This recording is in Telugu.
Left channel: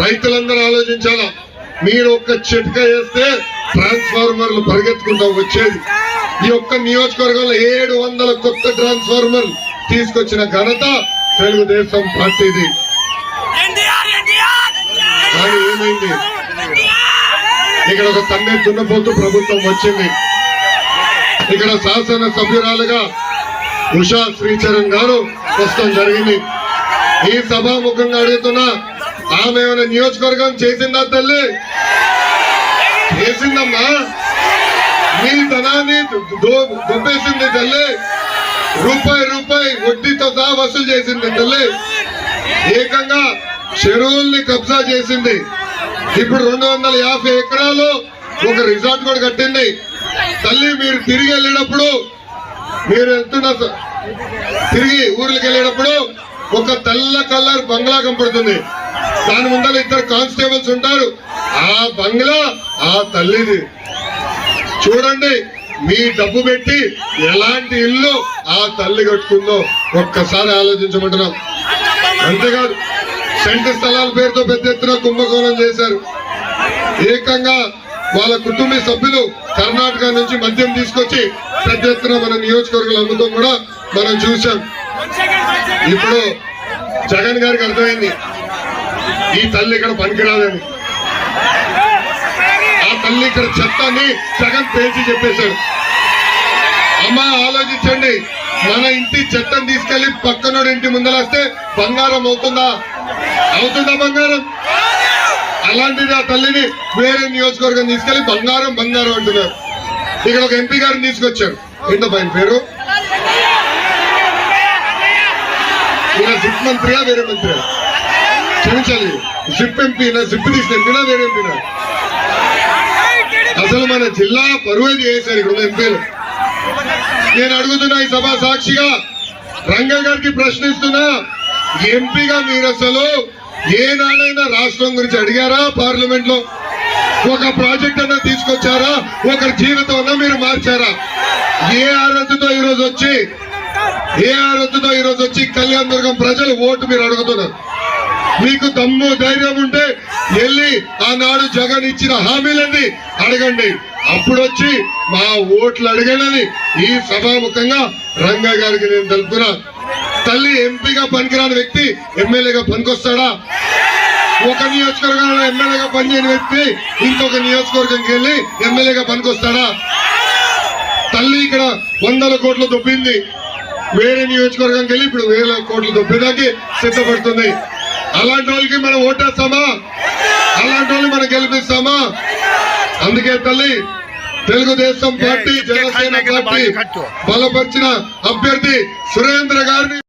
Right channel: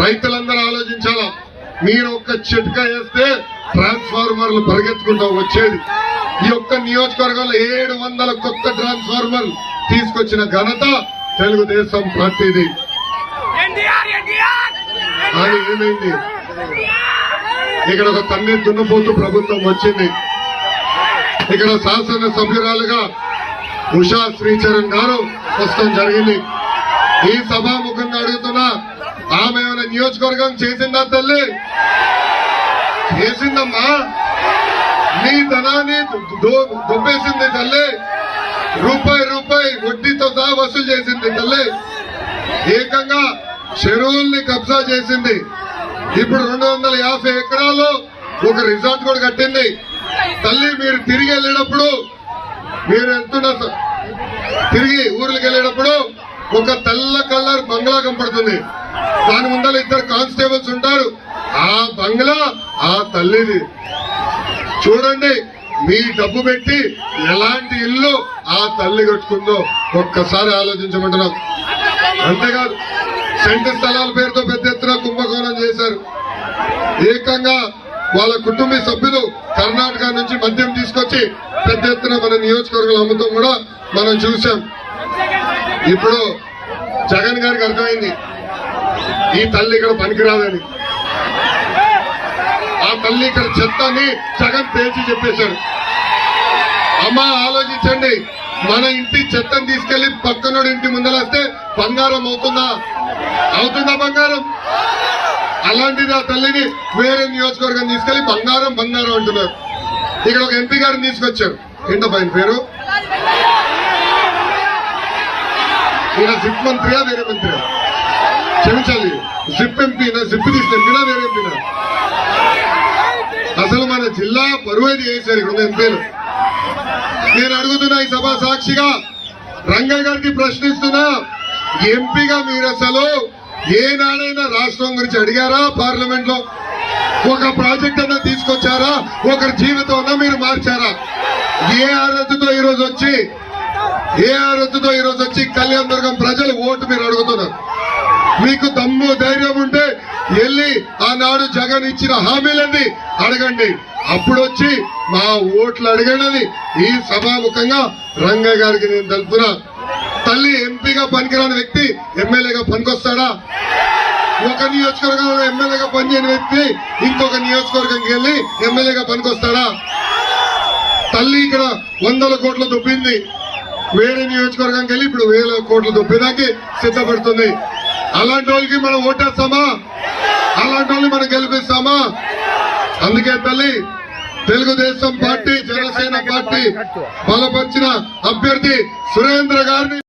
రైతులందరూ ఆలోచించాలా? మీరు ఒక్క చిట్క వేస్తే ట్రాన్స్ఫార్మర్లు పరిగెత్తుకుంటా వచ్చేది. ఈ ఒక్క నియోజకవర్గంలో ఏడు వందల కొత్త ట్రాన్స్ఫార్మర్లు తీసుకొచ్చిన ఘనత తెలుగుదేశం పార్టీది. కానీ ఏమైంది? ఇక్కడ ఒక తండ్రి దున్నపోతూ ప్రభుత్వం వచ్చింది. ఇక్కడ శాసన సభ్యురాలుగా ఉషా శ్రీచరణ్ గారు వస్తాం జరిగింది. ఈ సభాముఖంగా అడుగుతున్నా ఆమె ఏమైనా నియోజకవర్గం చేసిందా తల్లి? చేసిందమ్మా. మీ ధనాన్ని దో- తల్లి. రూపాయి రూపాయి వడ్డీతో సహా వసూలు చేసింది తల్లి. ఏకంగా చెరువుల్ని కబ్జా చేసింది. ఇప్పుడు రెండు వందల యాభై ఎకరాలు ఒక రిసార్ట్ కూడా కట్టింది. తల్లి మీరు తిరిగి వెళ్ళేటప్పుడు మీరు వెళ్తున్న తిరిగి ఊర్లకు వెళ్ళేటప్పుడు ఒక తెల్ల కలర్ బంగ్లా కనపడుతుంది. దాని ముందర ఇద్దరు కానిస్టేబుల్స్ ఉంటారు. ఆ బంగ్లా ఆ తల్లిది. చూడండి మీ డబ్బు పెట్టి ఎలాంటి ఇల్లు ఆ తల్లి కట్టుకుందో ఒక్కసారి ఆలోచించమంటున్నాం. అంతేకాదు సెంటు స్థలాల పేరుతో పెద్ద ఎత్తున కుంభకోణం చేశారు. ఏకంగా వాళ్ళ కుటుంబ సభ్యులు కర్ణాటక నుంచి మద్యం తీసుకొచ్చి పెద్ద ఎత్తున మన నియోజకవర్గంలో అమ్ముతాం కూడా మనం చూసాం ఇప్పుడు జగన్ గారికి అర్థమైంది. ఈ తల్లి ఇక్కడ పనికిరాదని. ఆ తల్లి ఇక్కడ చెత్తని సగం పేర్చి చెప్పేశాడు. అమ్మ ఆలోచించండి. మన ఇంటి చెత్తను తీసుకెళ్ళి పక్కనోడి ఇంటి ముందరేస్తే బంగారం అవుతుందా? అవుతుందా బంగారం? అలాంటిది ఆ తల్లిని వేరే నియోజకవర్గం తీసుకెళ్ళి బంగారం బంగారం అంటున్నారు. ఇక్కడ ఒక ఎంపీ గారిని తీసుకొచ్చారు. ఏంటో పైన పేరు? ఈయన సిట్ మంత్రియా వేరే మంత్రియా? క్షమించాలి. జిప్ ఎంపీనా జిప్ తీసిన ఎంపీనా వేరే ఎంపీనా అసలు మన జిల్లా పరువేది చేశారు ఇక్కడ ఎంపీలు నేను అడుగుతున్నా ఈ సభ సాక్షిగా రంగ గారికి ప్రశ్నిస్తున్నా. ఎంపీగా మీరు అసలు ఏనాడైనా రాష్ట్రం గురించి అడిగారా పార్లమెంట్లో? ఒక ప్రాజెక్ట్ అన్నా తీసుకొచ్చారా? ఒకరి జీవితం అన్నా మీరు మార్చారా? ఏ అర్హతతో ఈరోజు వచ్చి ఏ అర్హతతో ఈరోజు వచ్చి కళ్యాణ దుర్గం ప్రజలు ఓటు మీరు అడుగుతున్నారు? మీకు దమ్ము ధైర్యం ఉంటే వెళ్ళి ఆనాడు జగన్ ఇచ్చిన హామీలన్నీ అడగండి. అప్పుడు వచ్చి మా ఓట్లు అడగండి ఈ సభాముఖంగా రంగ గారికి నేను తెలుపుతున్నా. తల్లి ఎంపీగా పనికిరాని వ్యక్తి ఎమ్మెల్యేగా పనికొస్తాడా? ఒక నియోజకవర్గంలో ఎమ్మెల్యేగా పనిచేయని వ్యక్తి ఇంకొక నియోజకవర్గంకి వెళ్ళి ఎమ్మెల్యేగా పనికొస్తాడా? తల్లి ఇక్కడ వందల కోట్లు దొబ్బింది. వేరే నియోజకవర్గంకి వెళ్ళి ఇప్పుడు వేల కోట్లు దొబ్బేదానికి సిద్ధపడుతుంది. అలాంటి వాళ్ళకి మనం ఓటేస్తామా అలాంటి వాళ్ళని మనం గెలిపిస్తామా అందుకే తల్లి తెలుగుదేశం పార్టీ జనసేన పార్టీ బలపరిచిన అభ్యర్థి సురేంద్ర గారిని